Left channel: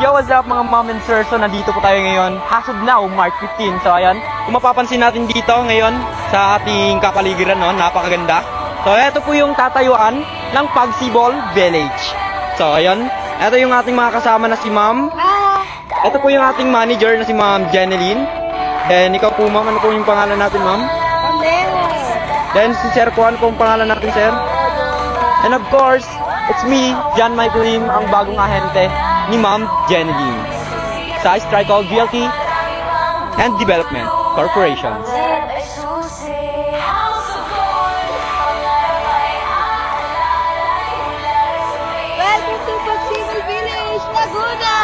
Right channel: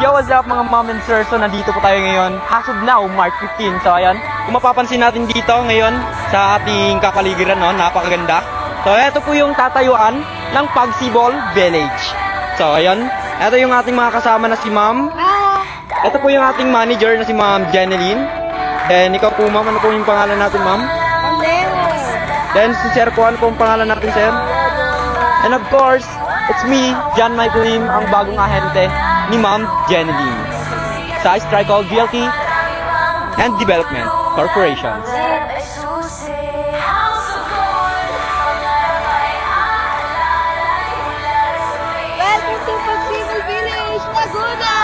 Yo, what's up mga mom and sir? So, nandito po tayo ngayon. As of now, March 15. So, ayan. Kung mapapansin natin dito ngayon sa ating kapaligiran, no, napakaganda. So, ito po yung tatayuan ng Pagsibol Village. So, ayan. Ito yung ating mga kasama na si ma'am. Ito po yung ating manager na si ma'am Jeneline. Then, ikaw po ma'am, ano po yung pangalan natin ma'am? Then, si sir po, ano po yung pangalan natin sir? And of course, it's me, John Michael Lim, ang bagong ahente ni Ma'am Jeneline sa Strike All GLT and Development Corporations. Welcome to Pagsibol Village, Laguna!